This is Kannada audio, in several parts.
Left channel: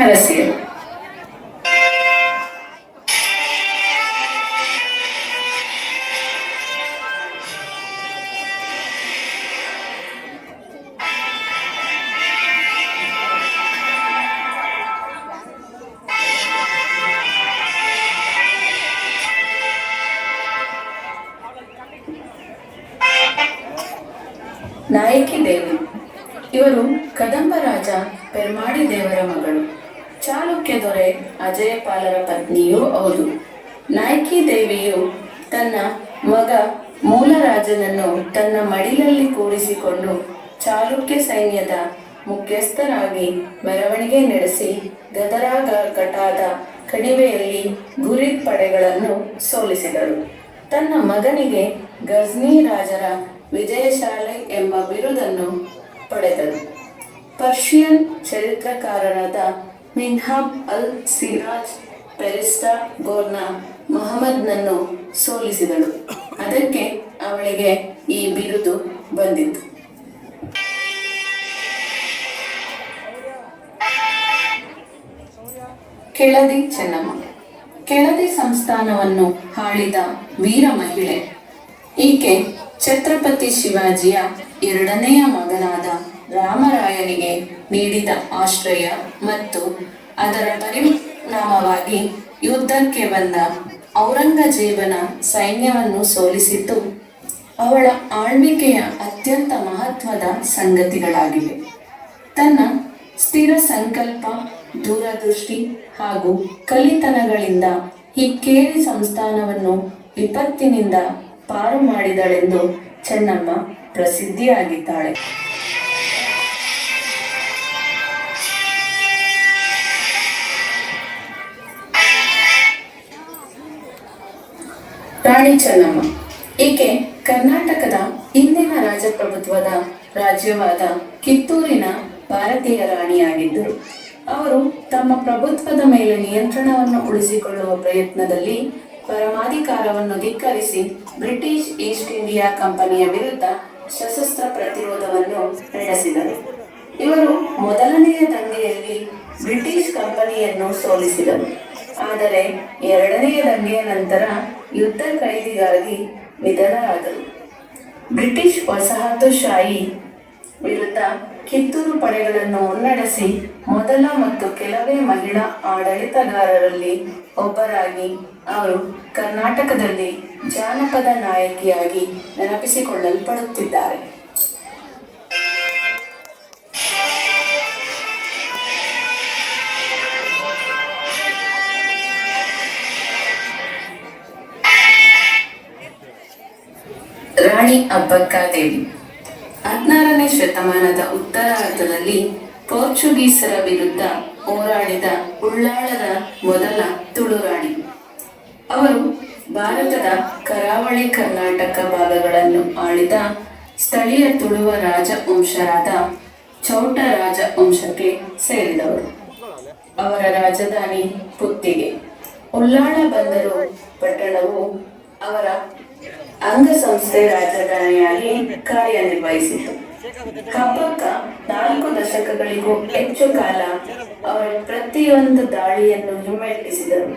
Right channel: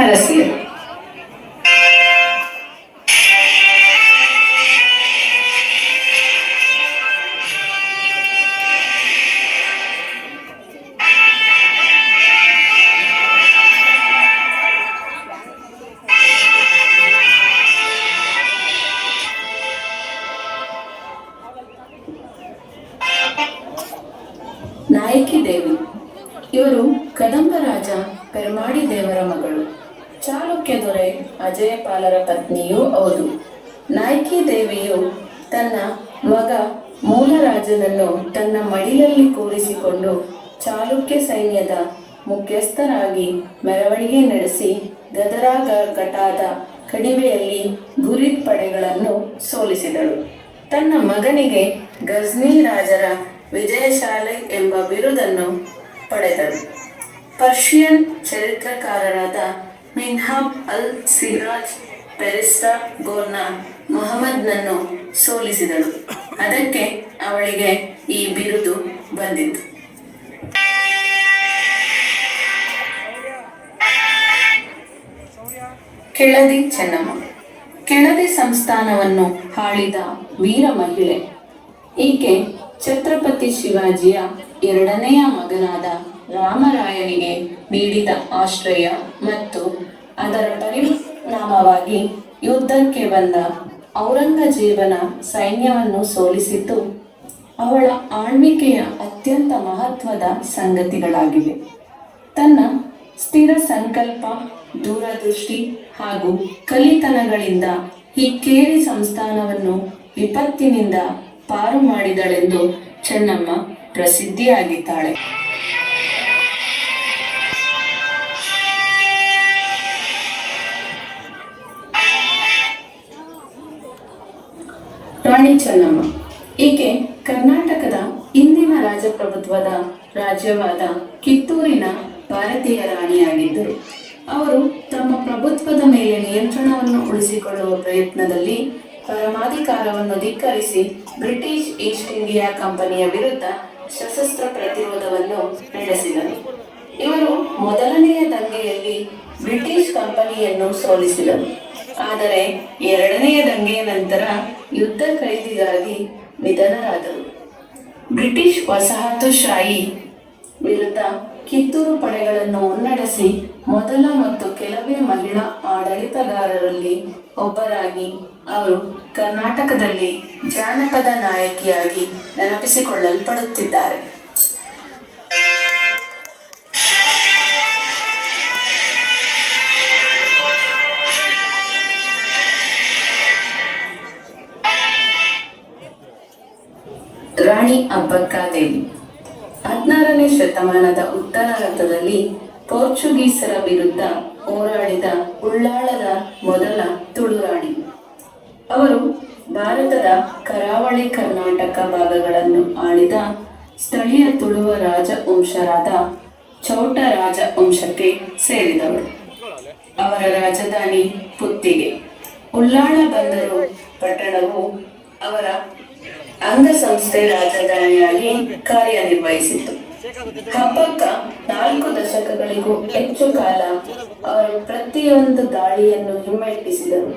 ಹರಸಿಯರು ನಾಯಕಿ ದೇವಿ ಇವರು ಕದಂಬ ರಾಜ ಪೆರ್ಮಾಡಿ ದೇವರ ಮಗಳು. ಚಾಲುಕ್ಯ ದೊರೆ ಅಜಯಪಾಲರ ಪತ್ನಿಯೂ ಹೌದು ನಾಯಕಿ ದೇವಿಯು ತನ್ನ ಮಗ ಮೂಲರಾಜನನ್ನು ತನ್ನ ಮಡಿಲಲ್ಲಿ ಕೂರಿಸಿಕೊಂಡು ಚಾಲುಕ್ಯ ಸೈನ್ಯದ ಮುಖ್ಯಸ್ಥರಾಗಿ ಮೆರವಣಿಗೆ ನಡೆಸಿ ಗದರಾಗಟಾದ ಕಣಿವೆಯಲ್ಲಿ ಗುರಿ ಪಡೆಗಳನ್ನು ಸೋಲಿಸಿದಳು. ತನ್ನ ಮಗನಿಗೆ ಗಜ್ನಿ ರಾಜರ ವಿಜಯಶಾಲೆ ಎಂಬ ಬಿರುದನ್ನು ಪಡೆದರು ಪರ್ಷಿಯನ್ ಚರಿತ್ರಕಾರರಾದ ಮಿನ್ಹಾಬ್ ಅಲ್ ಸಿರಾಜ್ ಪೆರಿಸ್ಟಾ ಗೋರ್ನ ಮೊಹಮ್ಮದ್ನನ್ನು ಸೋಲಿಸಿದಳು. ಅದಕ್ಕೆ ಅವಳಿಗೆ ಈ ಬಿರುದು ಬಂದಿತ್ತು. ಕೆಳದಿ ಚೆನ್ನಮ್ಮ. ಕೆಳದಿ ಸಂಸ್ಥಾನವನ್ನು ಆಳಿದ ವೀರ ಮಹಿಳೆ. ಈಕೆ ಛತ್ರಪತಿ ಶಿವಾಜಿಯ ಎರಡನೆಯ ಮಗನಾದ ರಾಮರಾಯನಿಗೆ ನೀಡಿದ ಆಶ್ರಯ ಮತ್ತು ಅದರ ಪರಿಣಾಮವಾಗಿ ಯುದ್ಧಕ್ಕೆ ಬಂದ ಔರಂಗಜೇಬನ ಸೈನ್ಯವನ್ನು ಸೋಲಿಸಿದ್ದು ಅವಳ ಆಳ್ವಿಕೆಯ ಅತ್ಯಂತ ಮಹತ್ವದ ಸಂಗತಿಗಳಾಗಿವೆ. ತನ್ನ ಸ್ಥಿರ ಸಂಕಲ್ಪ, ದೂರದೃಷ್ಟಿ ಹಾಗೂ ಕಲಿತನಗಳಿಂದ ಹಿಕ್ಕೇರಿ ಸಂಸ್ಥಾನವನ್ನು ವಿಪತ್ತಿನಿಂದ ಪಾರು ಮಾಡಿದಳೆಂದು ಚೆನ್ನಮ್ಮ ಪ್ರಸಿದ್ಧಿಯಾಗಿದ್ದಾಳೆ. ರಾಣಿ ಚೆನ್ನಮ್ಮ ಈಕೆ ಕರ್ನಾಟಕದ ಇಂದಿನ ರಾಜಪ್ರಭುತ್ವದ ರಾಜ್ಯವಾದ ಕಿತ್ತೂರಿನ ಭಾರತೀಯ ರಾಣಿಯಾಗಿದ್ದರು ಅವರು ತಮ್ಮ ಪ್ರಭುತ್ವದ ಮೇಲೆ ನಿಯಂತ್ರಣವನ್ನು ಉಳಿಸಿಕೊಳ್ಳುವ ಪ್ರಯತ್ನದಲ್ಲಿ ಪರಮಾಧಿಕಾರವನ್ನು ಧಿಕ್ಕರಿಸಿ ಬ್ರಿಟಿಷ್ ಈಸ್ಟ್ ಇಂಡಿಯಾ ಕಂಪನಿಯ ವಿರುದ್ಧ ಸಶಸ್ತ್ರ ಪ್ರತಿರೋಧವನ್ನು ನಡೆಸಿದರು. ಇವರು ಮೊದಲನೆಯ ದಂಗೆಯಲ್ಲಿ ಬ್ರಿಟಿಷ್ ಕಂಪನಿಯನ್ನು ಸೋಲಿಸಿದರು. ಆದರೆ ಎರಡನೆಯ ದಂಗೆಯ ನಂತರ ಯುದ್ಧ ಖೈದಿಗಾಗಿ ನಿಧನರಾದರು. ಬ್ರಿಟಿಷ್ ವಸಾಹತುಶಾಹಿ ವಿರುದ್ಧ ಕಿತ್ತೂರು ಪಡೆಗಳನ್ನು ಮುನ್ನಡೆಸಿ ಮೊದಲ ಮತ್ತು ಕೆಲವೇ ಮಹಿಳಾ ಆಡಳಿತಗಾರರಲ್ಲಿ ಒಬ್ಬರಾಗಿ ಅವರು ಕರ್ನಾಟಕದಲ್ಲಿ ಜಾನಪದ ನಾಯಕಿಯಾಗಿ ನೆನಪಿಸಿಕೊಳ್ಳಲ್ಪಡುತ್ತಿದ್ದಾರೆ. ರಾಣಿ ಅಬ್ಬಕ್ಕಾದೇವಿ ಹದಿನಾರನೇ ಶತಮಾನದ ಉತ್ತರಾರ್ಧದಲ್ಲಿ ಪೋರ್ಚುಗೀಸರ ವಿರುದ್ಧ ಹೋರಾಡಿದ ಉಳ್ಳಾಳರ ಮೊದಲ ತುಳುರಾಣಿ ಅವರು ಭಾರತದ ಕರಾವಳಿ ಕರ್ನಾಟಕ ಭಾಗಗಳನ್ನು ಆಳಿದ ಸ್ಥಳೀಯ ತುಳುವ ರಾಜವಂಶರಾದ ಚೌಟ ರಾಜವಂಶಕ್ಕೆ ಸೇರಿದವರು. ಅವರ ರಾಜಧಾನಿ ಪುತ್ತಿಗೆ. ಉಳ್ಳಾಳ ಬಂದರು ಪಟ್ಟಣವು ಅವರ ಅಂಗಸಂಸ್ಥೆ ರಾಜಧಾನಿಯಾಗಿ ಕಾರ್ಯನಿರ್ವಹಿಸಿತು. ಹಬ್ಬಕ್ಕ ನಾಲ್ಕು ದಶಕಗಳಿಗೂ ಹೆಚ್ಚು ಕಾಲ ಅವರು ಪ್ರತಿಯೊಂದು ದಾಳಿಯನ್ನು ಹಿಮ್ಮೆಟ್ಟಿಸಿದರು.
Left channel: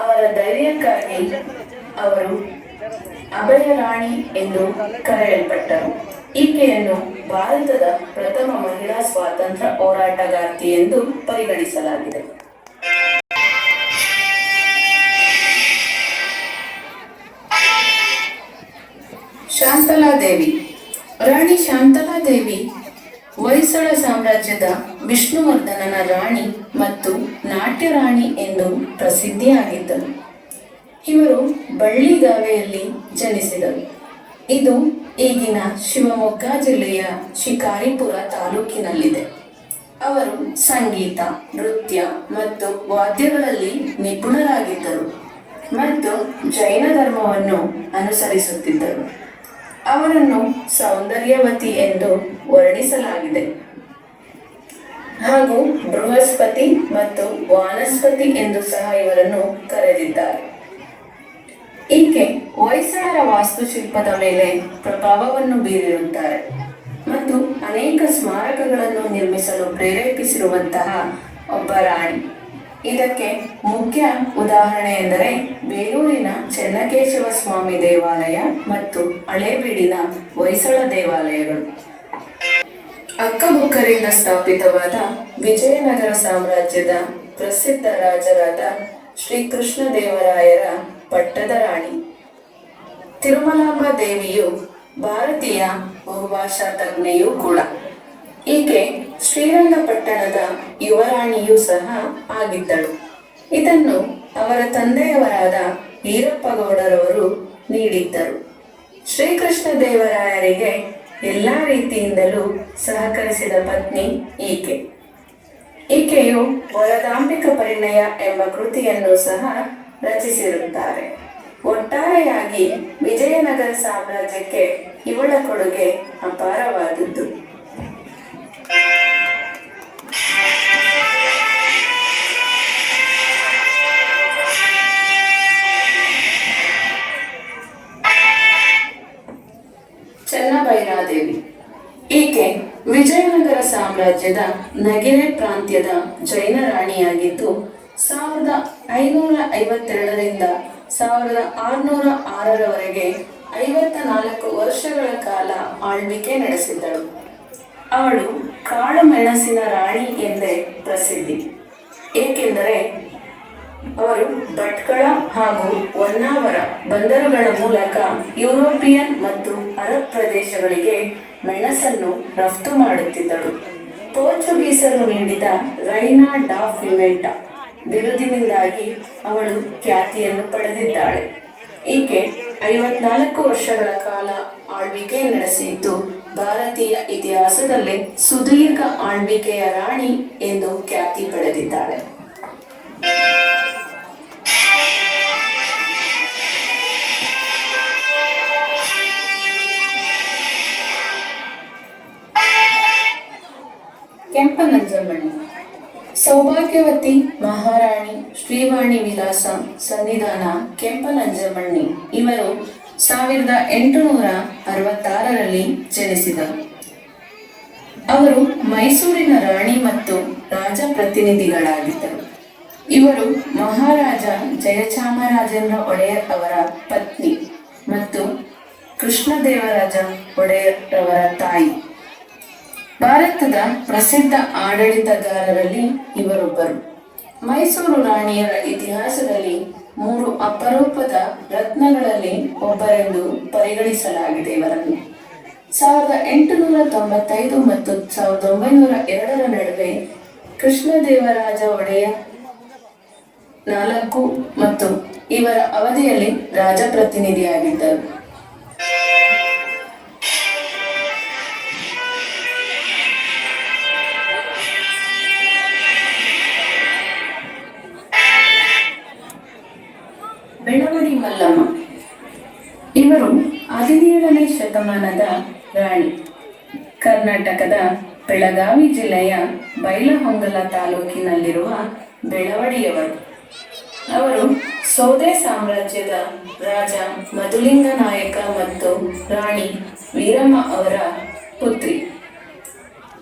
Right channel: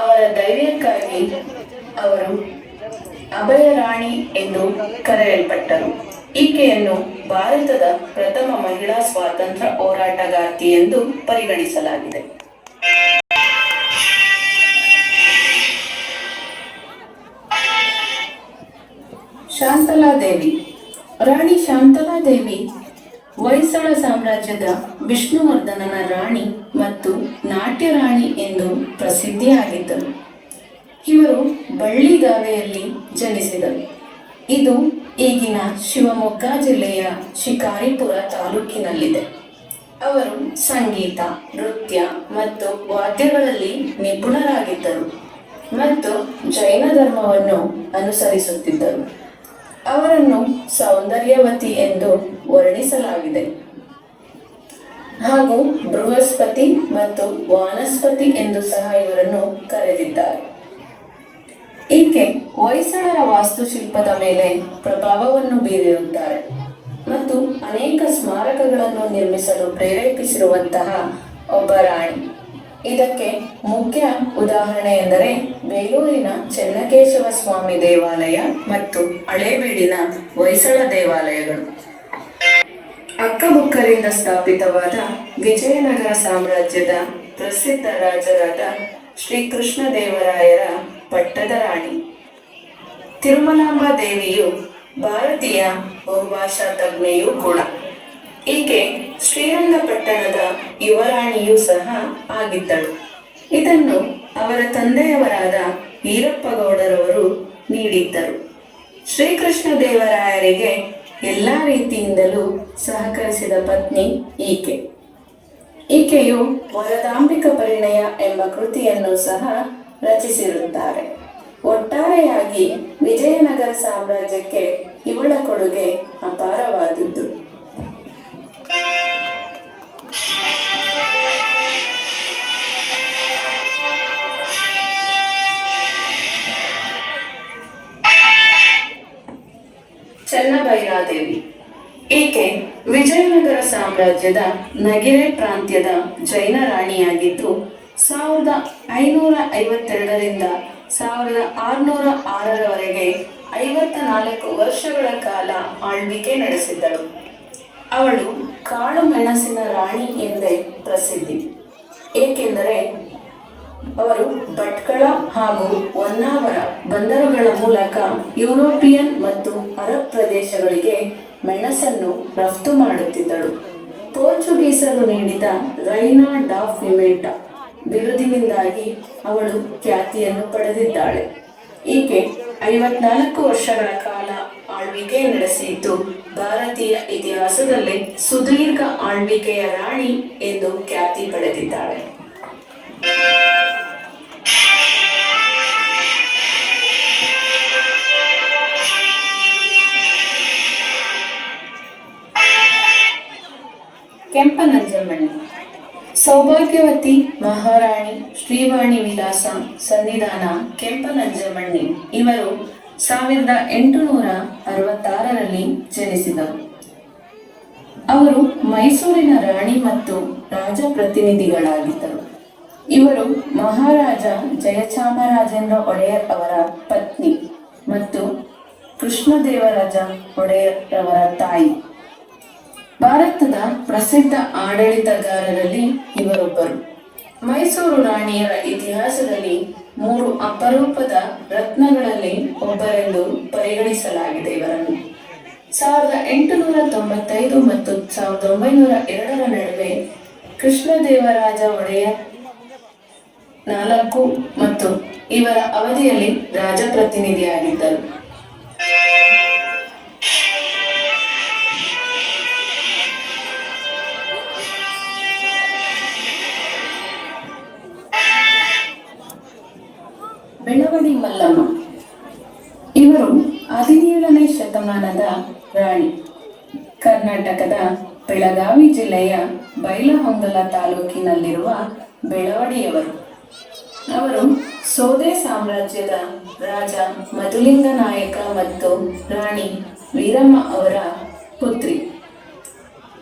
ಅವರ ಧೈರ್ಯಕ್ಕಾಗಿ ಅವರು ಅಭಯ ರಾಣಿ ಎಂದು ಕರೆಯಲ್ಪಟ್ಟರು. ಈಕೆಯನ್ನು ಭಾರತದ ಪ್ರಥಮ ಮಹಿಳಾ ಸ್ವಾತಂತ್ರ್ಯ ಹೋರಾಟಗಾರ್ತಿ ಎಂದು ಪರಿಗಣಿಸಲಾಗಿದೆ. ಶಾಂತಲಾದೇವಿ ರಾಣಿ ಶಾಂತಲಾದೇವಿ, ಹೊಯ್ಸಳ ಸಾಮ್ರಾಜ್ಯದ ವಿಷ್ಣುವರ್ಧನನ ರಾಣಿ ಮತ್ತು ನಾಟ್ಯ ರಾಣಿ ಎಂದು ಪ್ರಸಿದ್ಧಿಯಾಗಿದ್ದರು. ಇವರು ಬಳ್ಳಿಗಾವೆಯಲ್ಲಿ ಜನಿಸಿದರು. ಇದು ಈಗಿನ ಶಿವಮೊಗ್ಗ ಜಿಲ್ಲೆಯ ಶಿಕಾರಿಪುರ ತಾಲೂಕಿನಲ್ಲಿದೆ. ಅವರು ಸಂಗೀತ, ನೃತ್ಯ ಮತ್ತು ವಾದ್ಯಗಳಲ್ಲಿ ನಿಪುಣರಾಗಿದ್ದರು ಮತ್ತು ಜೈನ ಧರ್ಮವನ್ನು ಅನುಸರಿಸುತ್ತಿದ್ದರು. ಅವರನ್ನು ಸೌಂದರ್ಯವತಿ ಎಂದು ವರ್ಣಿಸಲಾಗಿದೆ. ಹಾಗೂ ಬೃಹಸ್ಪತಿ ಮತ್ತು ವಾನಸ್ಪತಿ ಎಂದು ಸಹ ಇವರನ್ನು ಕರೆದಿದ್ದಾರೆ. ಈಕೆ ಹೊಯ್ಸಳರ ವಾಸ್ತುಶಿಲ್ಪದ ಮೇಲೆ ಪ್ರಭಾವವನ್ನು ಬೀರಿರುತ್ತಾರೆ ಮತ್ತು ಅನೇಕ ಸ್ಮಾರಕಗಳನ್ನು ನಿರ್ಮಿಸಲು ಪ್ರೇರೇಪಿಸಿರುವಂತಹ ಒಬ್ಬ ರಾಣಿ. ಇದಕ್ಕೆ ಮುಖ್ಯ ಉದಾಹರಣೆ ಎಂದರೆ ಬೇಲೂರಿನ ಚೆನ್ನಕೇಶವ ಸ್ವಾಮಿ ದೇವಾಲಯ ಮತ್ತು ಹಳೇಬೀಡಿನ ಹೊಯ್ಸಳ ದೇವಾಲಯಗಳು. ಅಕ್ಕಬುಕ್ಕರಿಂದ ಸ್ಥಾಪಿತವಾದ ವಿಜಯನಗರ ಸಾಮ್ರಾಜ್ಯದ ಪ್ರಸಿದ್ಧ ರಾಜರಾದ ಶ್ರೀಕೃಷ್ಣ ದೇವರಾಯರ ಪಟ್ಟದ ರಾಣಿ. ತಿರುಮಲಾಂಬ ದೇವಿಯು ಭಾರತೀಯ ಬಹುಭಾಷಾ ತಜ್ಞೆಯೂ ಕೂಡ. ಈಕೆ ಶ್ರೀರಂಗಪಟ್ಟಣದ ಯುವರಾಣಿಯೂ ಸಹ ಆಗಿದ್ದಳು. ಇದನ್ನು ಅವರ ತಂದೆಯವರಾದ ವೀರಪ್ಪಗೌಡರವರು ನೀಡಿದ್ದರು. ಶ್ರೀಕೃಷ್ಣ ದೇವರಾಯರಿಗೆ ಎಲ್ಲ ರೀತಿಯಿಂದಲೂ ಸಹಕರಿಸಿದ ಪತ್ನಿ ಈಕೆ. ಈಕೆಯು ವರದಾಂಬಿಕ ಪರಿಣಯ ಎಂಬ ಕೃತಿಯನ್ನು ಸಹ ರಚಿಸಿರುತ್ತಾರೆ. ಒಟ್ಟಾರೆಯಾಗಿ ವಿಜಯನಗರ ಸಾಮ್ರಾಜ್ಯಕ್ಕೆ ಇವಳ ಕೊಡುಗೆ ಅಪಾರವಾದದ್ದು. ಸಾಮ್ರಾಜ್ಯದ ನಗಿರೆ ಪ್ರಾಂತ್ಯದ ಜೈನ ರಾಣಿಯಾಗಿದ್ದು, ಸಾವಿರದ ಐನೂರ ಐವತ್ತೆರಡರಿಂದ ಸಾವಿರದ ಆರುನೂರ ಆರರವರೆಗೆ ಐವತ್ತ ನಾಲ್ಕು ವರ್ಷಗಳ ಕಾಲ ಆಳ್ವಿಕೆ ನಡೆಸಿದ್ದಳು. ಅವಳು ಕಾಳು ಮೆಣಸಿನ ರಾಣಿ ಎಂದೇ ಪ್ರಸಿದ್ಧಿ. ಏಕೆಂದರೆ ಅವರು ಭಟ್ಕಳ ಹಾಗೂ ಹೊನ್ನಾವರ ಬಂದರುಗಳ ಮೂಲಕ ಯುರೋಪಿಯನ್ ಮತ್ತು ಅರಬ್ ಪ್ರದೇಶಗಳಿಗೆ ಮೆಣಸನ್ನು ರಫ್ತು ಮಾಡುತ್ತಿದ್ದಳು. ಪೋರ್ಚುಗೀಸರು ನೀಡಿದ ರೈನಾ ಡಾ ಫಿಮೆಂಟ ಬಿರುದಿನಿಂದಾಗಿ ಅವಳು ಖ್ಯಾತಿಯನ್ನು ಪಡೆದಿದ್ದಾಳೆ. ಈಕೆ ಐವತ್ನಾಲ್ಕು ವರ್ಷಗಳ ಕಾಲ ಆಳ್ವಿಕೆ ನಡೆಸಿದ್ದು ಭಾರತೀಯ ಇತಿಹಾಸದಲ್ಲಿ ಸುದೀರ್ಘ ಆಳ್ವಿಕೆಯ ರಾಣಿ ಎಂದು ಖ್ಯಾತಿ ಪಡೆದಿದ್ದಾಳೆ. ಕೆಂಪನಂಜಮ್ಮಣ್ಣಿ. ಸೌಭಾಗ್ಯವತಿ ಮಹಾರಾಣಿ ಶ್ರೀವಾಣಿ ವಿಲಾಸ ಸನ್ನಿಧಾನ ಕೆಂಪನಂಜಮ್ಮಣ್ಣಿ ಇವರು ಸಾವಿರದ ಎಂಟುನೂರ ಅರವತ್ತಾರರಲ್ಲಿ ಜನಿಸಿದರು ಅವರು ಮೈಸೂರಿನ ರಾಣಿ ಮತ್ತು ರಾಜ ಪ್ರತಿನಿಧಿಗಳಾಗಿದ್ದರು. ಇವರು ಮಹಾರಾಜ ಜಯಚಾಮರಾಜೇಂದ್ರ ಒಡೆಯರ್ ಅವರ ಪತ್ನಿ ಮತ್ತು ಕೃಷ್ಣದೇವರಾಜ ಒಡೆಯರ್ ಅವರ ತಾಯಿ. ಭಾರತದ ಪ್ರಸಿದ್ಧ ಆಡಳಿತಗಾರರಲ್ಲಿ ಇವರೊಬ್ಬರು. ಮೈಸೂರು ರಾಣಿಯರ ಇತಿಹಾಸದಲ್ಲಿ ಮೂರು ಅಪರೂಪದ ರತ್ನಗಳಲ್ಲಿ ಒಬ್ಬರೆಂದು ಪರಿಗಣಿಸಲಾಗಿದೆ ಇವರನ್ನು. ಸಾವಿರದ ಎಂಟುನೂರ ತೊಂಬತ್ತೈದು ಮತ್ತು ಸಾವಿರದ ಒಂಬೈನೂರ ಎರಡರ ನಡುವೆ ಕೃಷ್ಣದೇವರಾಜ ಒಡೆಯರ್ ನಾಲ್ಕು ಮತ್ತು ಇವರ ಅವಧಿಯಲ್ಲಿ ರಾಜಪ್ರತಿನಿಧಿಯಾಗಿದ್ದರು. ಬೆಳಗಾವಿ ಜಿಲ್ಲೆಯ ಬೈಲಹೊಂಗಲ ತಾಲೂಕಿನಲ್ಲಿರುವ ಬೆಳವಡಿಯವರು. ಅವರು ಸೋದೆ ಸಾಮ್ರಾಜ್ಯದ ರಾಜ ಮಧುಲಿಂಗ ನಾಯಕ ಮತ್ತು ರಾಣಿ ವೀರಮ್ಮ ಅವರ ಪುತ್ರಿ.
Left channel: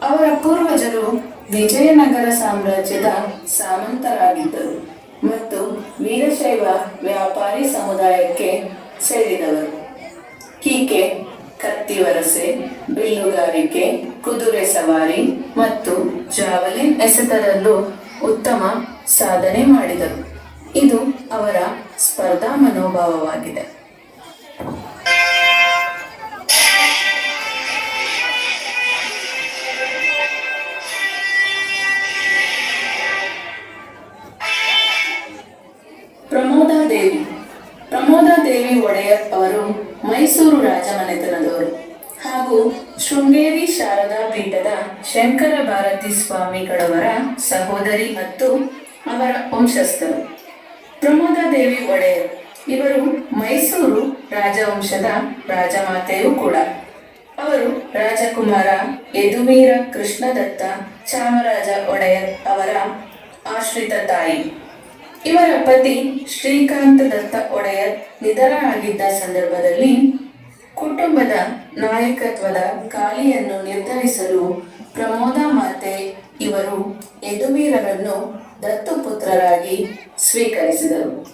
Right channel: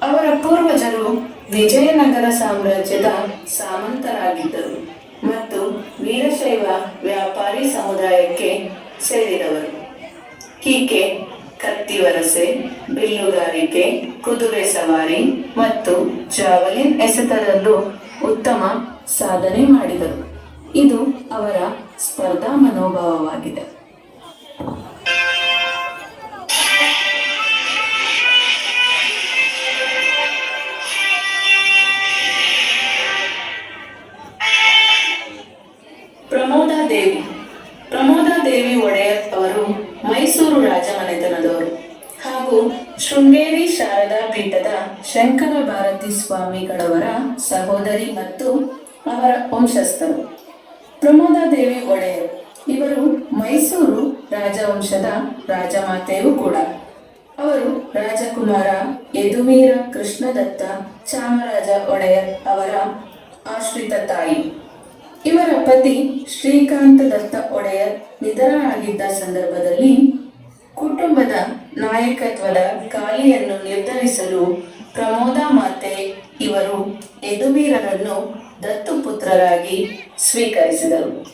ಅವರ ಪೂರ್ವಜರು ವಿಜಯನಗರ ಸಾಮ್ರಾಜ್ಯದ ಸಾಮಂತರಾಗಿದ್ದರು ಮತ್ತು ವೀರಶೈವ ವ್ಯಾಪಾರಿ ಸಮುದಾಯಕ್ಕೆ ಸೇರಿದವರು. ಕೀಕೆ ಕತ್ತಿವರಸೆ ಬಿಲ್ಲುಗಾರಿಕೆ ಕುದುರೆ ಸವಾರಿ ಮತ್ತು ಜಾವಲಿನ್ ಎಸೆತದಲ್ಲೂ ಉತ್ತಮ ಸಾಧನೆ ಮಾಡಿದರು. ಇದು ಅವರ ಸ್ಪರ್ಧಾ ಮನೋಭಾವವಾಗಿದೆ. ಅವರ ವಂಶಸ್ಥರು. ಪ್ರಮೋದಾ ದೇವಿ ಒಡೆಯರ್. ಇವರು ಮೈಸೂರು ರಾಜವಂಶದ ರಾಜಮಾತೆಯೂ ಕೂಡ. ಅವರು ರಾಜಕುಮಾರ ಯದುವೀರ ಕೃಷ್ಣದತ್ತ ಚಾಮರಾಜ ಒಡೆಯರ್ ಅವರ ಆಶ್ರಿತ ತಾಯಿ. ಇವರ ಪತಿ ಶ್ರೀಕಾಂತ ದತ್ತ ಒಡೆಯರ್ ನಿಧನರಾಗಿದ್ದ ಸಂದರ್ಭದಲ್ಲಿ ಕುಟುಂಬದ ನಾಯಕತ್ವದ ಖಾಲಿಯನ್ನು ನಿರ್ಧರಿಸಲು ಪ್ರಮೋದ ಮಾತೆ ಇವರು ಯದುವೀರರನ್ನು ದತ್ತುಪುತ್ರರಾಗಿ ಸ್ವೀಕರಿಸಿದರು.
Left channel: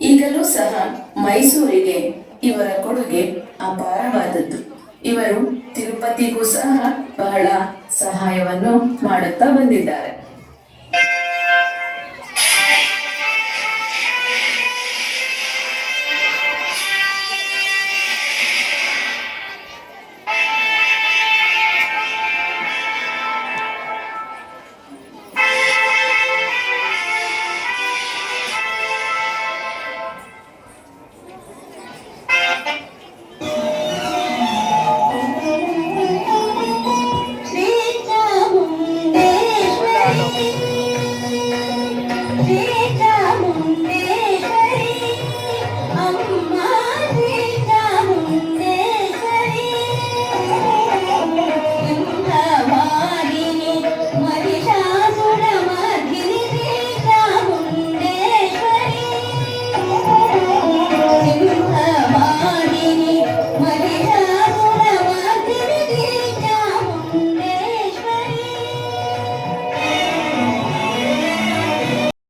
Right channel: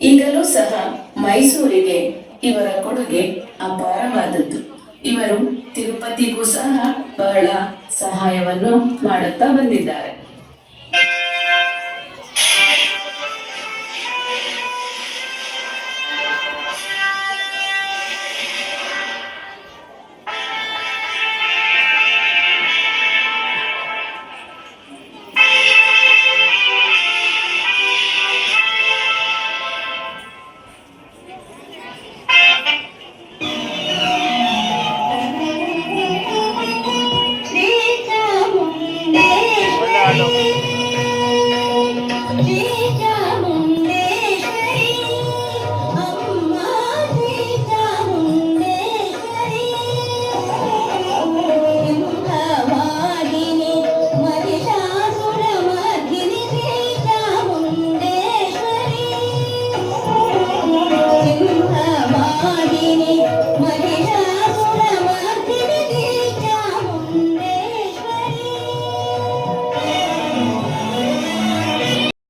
ಈಗಲೂ ಸಹ ಮೈಸೂರಿಗೆ ಇವರ ಕೊಡುಗೆ ಅಪಾರವಾದದ್ದು. ಇವರು ತಿರುಪತಿಗೂ ಸಹ ಬಹಳ ಸಹಾಯವನ್ನು ಮಾಡುತ್ತಾ ಬಂದಿದ್ದಾರೆ.